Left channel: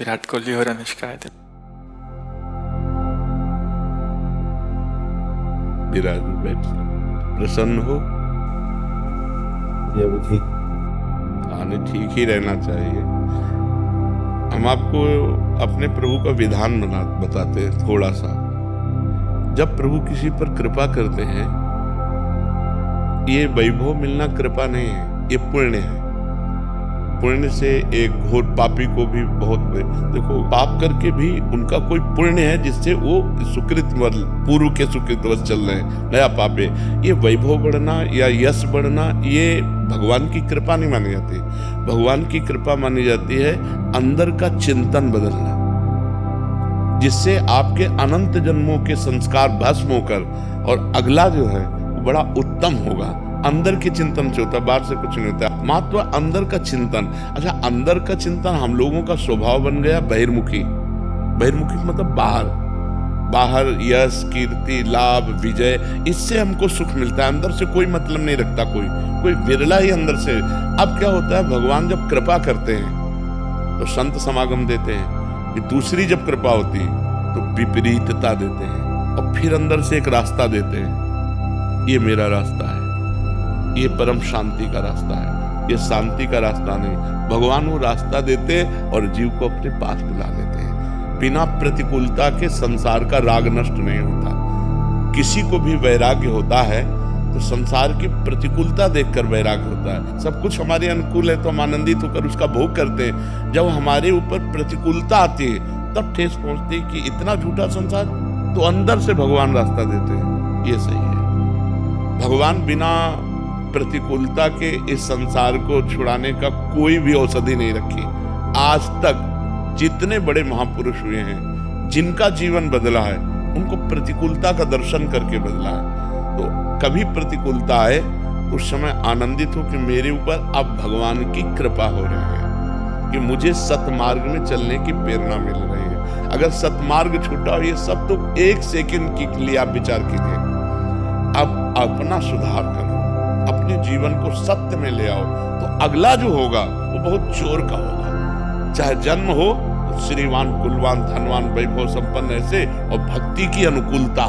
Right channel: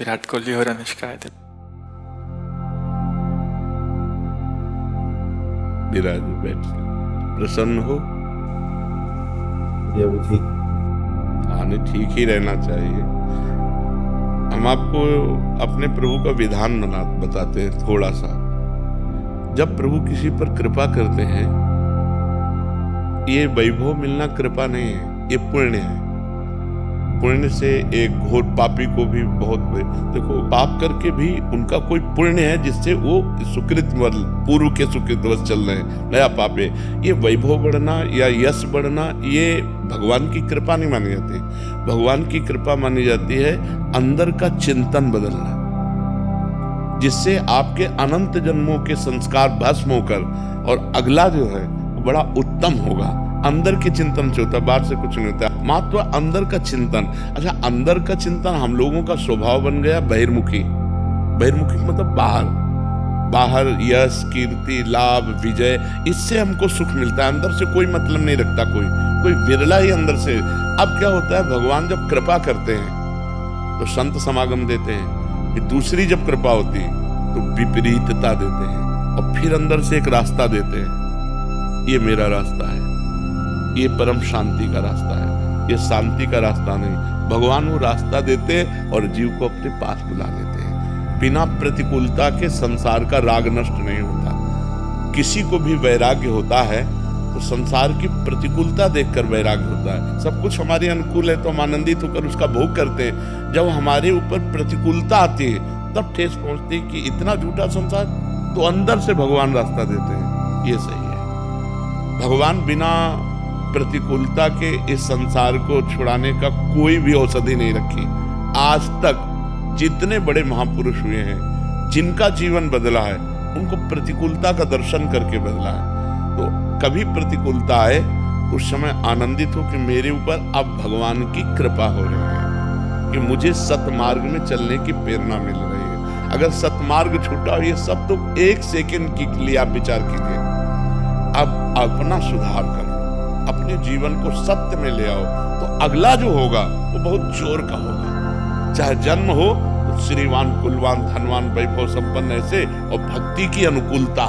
विराट कोहली और अनुष्का है। विराट बैठ प्रसन्न हो। ये भी ठीक। हाँ, नहीं ठीक ही रहना चाहिए। हम आपको अपने प्रभु का विधान बताते हैं थोड़ा सा। जब प्रभु किसी पर कृपा करते हैं, ये वैभव मिलना कृपा नहीं है, ये पुण्य है। पुण्य से एक घोर पापी को भी बहुत, देखो पाप करके भी उनका कोई पुण्य है जिससे वो सुकृत पूर्व के सुकृतवश चल रहे हैं, नया पाप है। ये वैभव बढ़ना या यश बढ़ना ये भगवान की कृपा नहीं मानी जाती। भगवान की कृपा मानी जाती है अंदर का चिंतन बदलना, जिससे आपके अनंत जन्मों के संस्कार भस्म होकर और अगला जो है वो बड़ा उत्तम होगा। अंदर के चिंतन से होता है, बाहर से कुछ नहीं होता। मात्र अंदर का चिंतन। अच्छा, अंदर का चिंतन हम लोगों का स्वभाव बन गया बहिर्मुखी। बहिर्मुखी मतलब बाहर यश, कीर्ति, लाभ, विजय, इससे हमको सुख मिलता है। अंदर से कोई मतलब नहीं रखता कोई विरला ही अंदर से। अब क्या होता है, भगवान जब कृपा करते हैं तो संत समागम देते हैं, कि दूसरी जब कृपा होती तो विपरीतता देते हैं और फिर अंदर से एक रास्ता देते हैं। ये मेरा रास्ता है, ये परम शांति का रास्ता है, ये शांति का रास्ता नहीं। भगवान वो रास्ता देते और जीव को अपने पास बुला लेते हैं। बिना प्रतिकूलता के संसार का राग नष्ट नहीं होता। किसी को भी वैराग्य होता है तो संसार की प्रतिकूलता देखकर वैराग्य होता है। सब कुछ हमारे अनुकूल है तो हम आनंदित होकर उसका भोग करते हैं। जब हमारे ऊपर प्रतिकूलता आती है तब ठेस पहुंचती है कि इतना झूठा संसार, तो अंदर से भगवान रास्ता देते हैं। ये सही है। भगवान बिना प्रतिकूलता के इस संसार को छुड़ाने का कोई भी औषधि नहीं रखी। आज तक जितने बड़े महापुरुष हुए हैं, जिनका जीवन बदला है, उनको प्रतिकूलता का दर्शन करके बदला है। तो कभी प्रतिकूलता आए उस समय आनंदित हो कि मेरे ऊपर अब भगवान की कृपा हो रही है, कि मुझे सतमार्ग में चलने की प्रेरणा मिल रही है। अगर सतमार्ग छूटा हो, ये सब तो एक सेकंड के लिए आप विचार कीजिए। अब अपना सुधार कर लो, अपने जीवन को सत्य में ले आओ, तो अगला जो होगा वो बहुत जोर का होगा। चाहे जन्म हो तो श्रीवान, कुलवान, धनवान, वैभव संपन्न ऐसे, और भक्ति की अनुकूलता,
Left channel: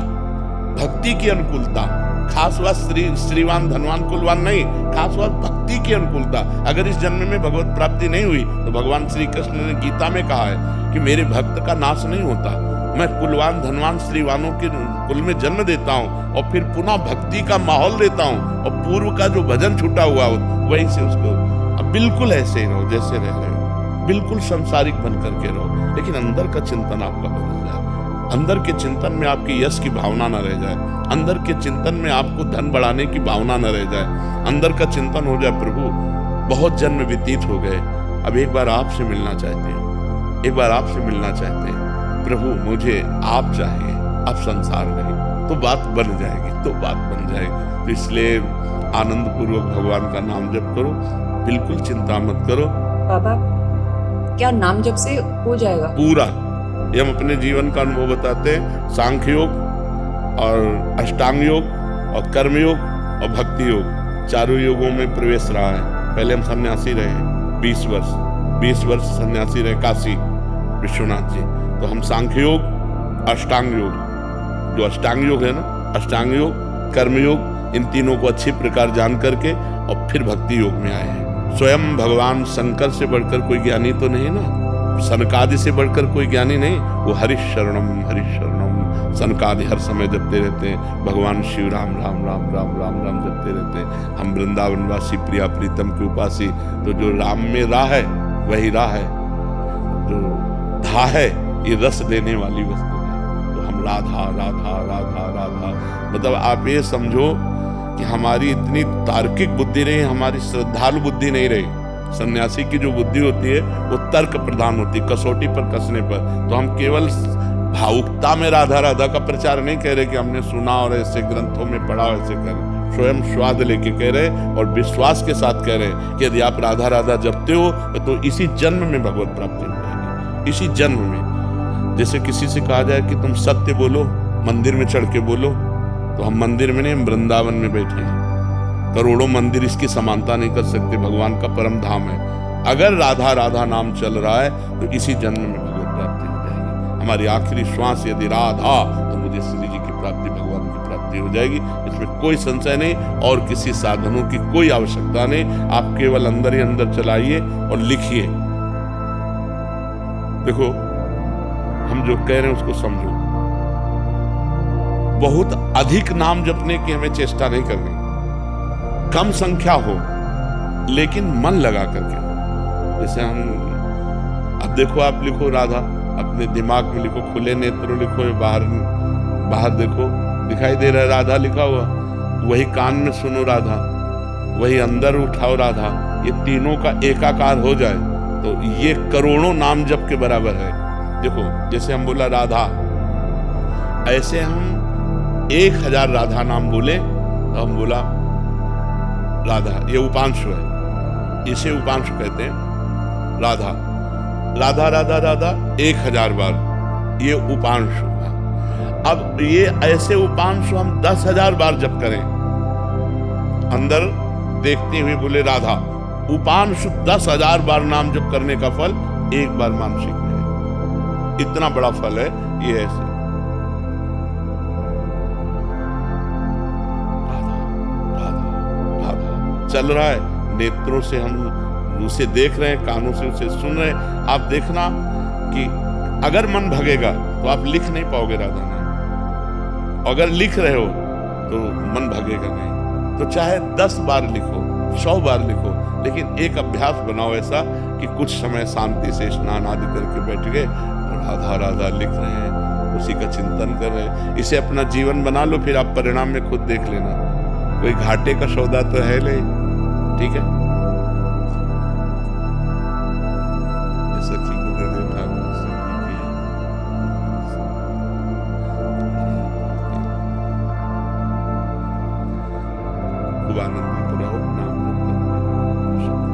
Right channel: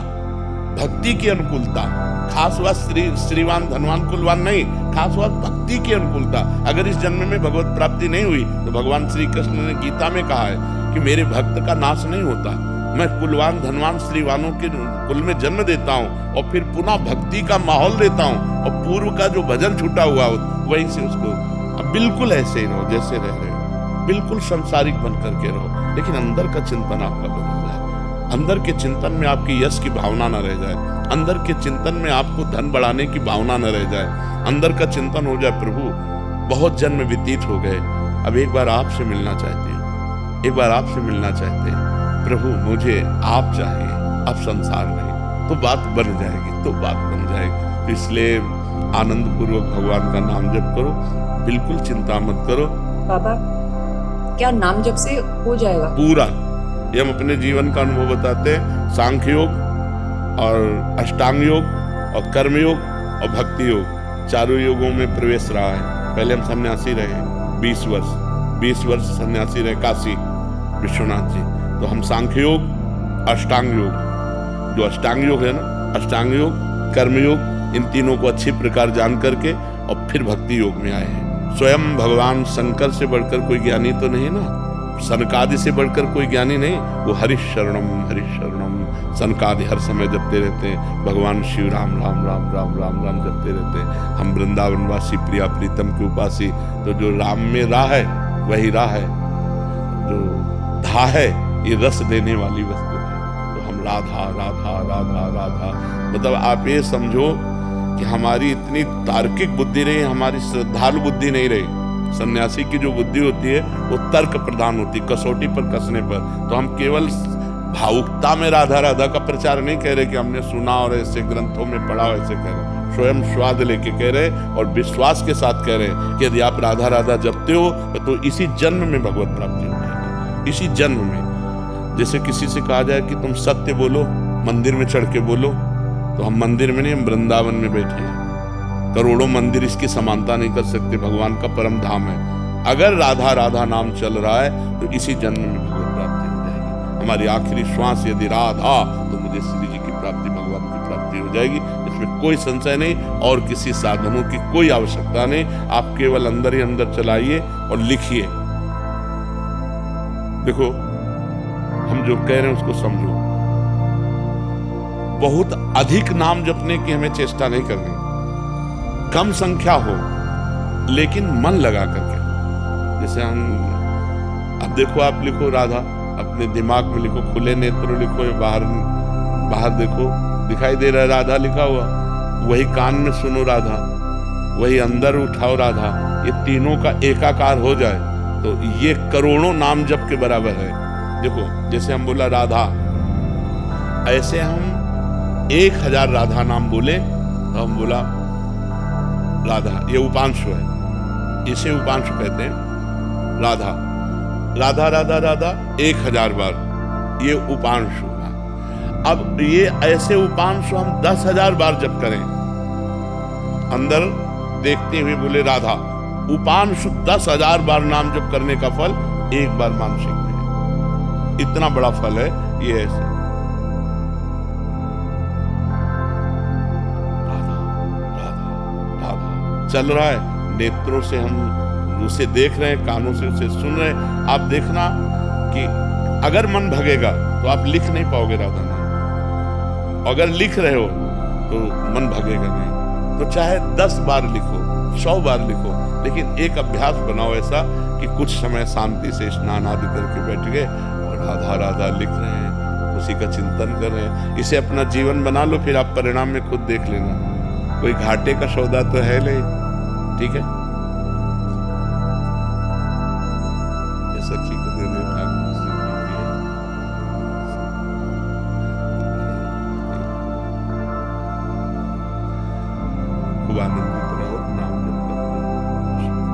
भक्ति की अनुकूलता। खास बात श्रीवान, धनवान, कुलवान नहीं, खास बात भक्ति की अनुकूलता। अगर इस जन्म में भगवत प्राप्ति नहीं हुई तो भगवान श्री कृष्ण ने गीता में कहा है कि मेरे भक्त का नाश नहीं होता। मैं कुलवान, धनवान, श्रीवानों के कुल में जन्म देता हूँ और फिर पुनः भक्ति का माहौल देता हूँ, और पूर्व का जो भजन छूटा हुआ हो वहीं से उसको। अब बिल्कुल ऐसे ही रहो जैसे रह रहे हो, बिल्कुल संसारिक बन करके रहो, लेकिन अंदर का चिंतन आपका बदल जाए। अंदर के चिंतन में आपकी यश की भावना न रह जाए, अंदर के चिंतन में आपको धन बढ़ाने की भावना न रह जाए। अंदर का चिंतन हो जाए, प्रभु बहुत जन्म व्यतीत हो गए, अब एक बार आपसे मिलना चाहते हैं, एक बार आपसे मिलना चाहते हैं प्रभु, मुझे आप चाहिए, अब संसार नहीं। तो बात बन जाएगी, तो बात बन जाएगी। तो इसलिए आनंद पूर्वक भगवान का नाम जप करो, बिल्कुल चिंता मत करो। बाबा, क्या नाम जप से हो जाएगा पूरा? ये हम अपने जीवन का अनुभव बताते हैं। सांख्य योग और अष्टांग योग और कर्म योग और भक्ति योग, चारों योगों में प्रवेश रहा है। पहले हम सन्यासी रहे हैं 20 वर्ष सन्यासी रहे काशी विश्वनाथ जी। तो हम सांख्य योग, अष्टांग योग, जो अष्टांग योग है ना, अष्टांग योग, कर्म योग, इन तीनों को अच्छी प्रकार जान करके और फिर भक्ति योग में आए हैं। स्वयं भगवान शंकर से बढ़कर कोई ज्ञानी तो नहीं ना, सनकादि से बढ़कर कोई ज्ञानी नहीं। वो हरिशरणम हरिशरणम सनकादि हर समय जपते रहते हैं। भगवान शिव राम राम राम राम राम राम जपते रहते हैं। हम वृंदावनवासी प्रिया प्रीतम के उपासी, तो जो राम में राह है वही राह है, जो धा है ये रस देने वाली वस्तु है। तो हम राधा राधा राधा राधा, मतलब आप ये समझो कि हमारी इतनी तार्किक बुद्धि रही, हमारी श्रद्धालु बुद्धि नहीं रही। सन्यासी की जो बुद्धि होती है वो तर्क प्रधान होती है, कसौटी पर कसने पर। तो हम केवल भावुकता में राधा राधा का प्रचार नहीं कह रहे कि हमने सुना और ऐसे ग्रंथों में पढ़ा, ऐसे कह रहे, स्वयं स्वाद लेके कह रहे और विश्वास के साथ कह रहे कि यदि आप राधा राधा जपते हो तो इसी जन्म में भगवत प्राप्ति हो जाएगी, इसी जन्म में। जैसे किसी से कहा जाए कि तुम सत्य बोलो, मंदिर में चढ़ के बोलो, तो हम मंदिर में नहीं, हम वृंदावन में बैठे हैं। करोड़ों मंदिर इसकी समानता नहीं कर सकते, भगवान का परम धाम है। अगर राधा राधा नाम चल रहा है तो इसी जन्म में भगवत प्राप्ति हो जाएगी। हमारी आखिरी श्वास यदि राधा, तो मुझे श्री जी की प्राप्ति, भगवान की प्राप्ति हो जाएगी। इसमें कोई संशय नहीं और किसी साधनों की कोई आवश्यकता नहीं। आप केवल अंदर ही अंदर चलाइए और लिखिए। देखो, हम जो कह रहे हैं उसको समझो। बहुत अधिक नाम जपने की हमें चेष्टा नहीं करनी, कम संख्या हो लेकिन मन लगा करके हो। जैसे हम, अब देखो, आप लिखो राधा, अपने दिमाग में लिखो, खुले नेत्र लिखो, या बाहर देखो, दिखाई दे रहा है राधा लिखा हुआ, वही कान में सुनो राधा, वही अंदर उठाओ राधा, ये तीनों का एकाकार हो जाए तो ये करोड़ों नाम जप के बराबर है। देखो, जैसे हम बोला राधा, ऐसे हम 1000 राधा नाम बोले तो हम बोला राधा, ये उपांशु है, इसे उपांशु कहते हैं। राधा राधा राधा राधा 1000 बार, ये उपांशु है। अब ये ऐसे उपांशु हम 10,000 बार जप करें, अंदर देखते हुए बोले राधा, उपांशु 10,000 बार नाम जप करने का फल एक बार मानसिक में है। इतना बड़ा फल है ये। ऐसे राधा राधा राधा चल रहा है, नेत्रों से हम उसे देख रहे हैं, कानों से उसे सुन रहे हैं। आप देखना कि अगर मन भगेगा तो आप लिख नहीं पाओगे राधा नाम, अगर लिख रहे हो तो मन भगेगा नहीं। तो चाहे 10 बार लिखो, 100 बार लिखो, लेकिन एक अभ्यास बनाओ ऐसा कि कुछ समय शांति से स्नान आदि करके बैठ गए और राधा राधा लिख रहे हैं, उसी का चिंतन कर रहे हैं। इसे अपना जीवन बना लो, फिर आप परिणाम में खुद देख लेना। कोई घाटे का सौदा तो है नहीं, ठीक है। ये सखी को दे दे ठाकुर से की है। खूब आनंदित रहो नाम जप करके।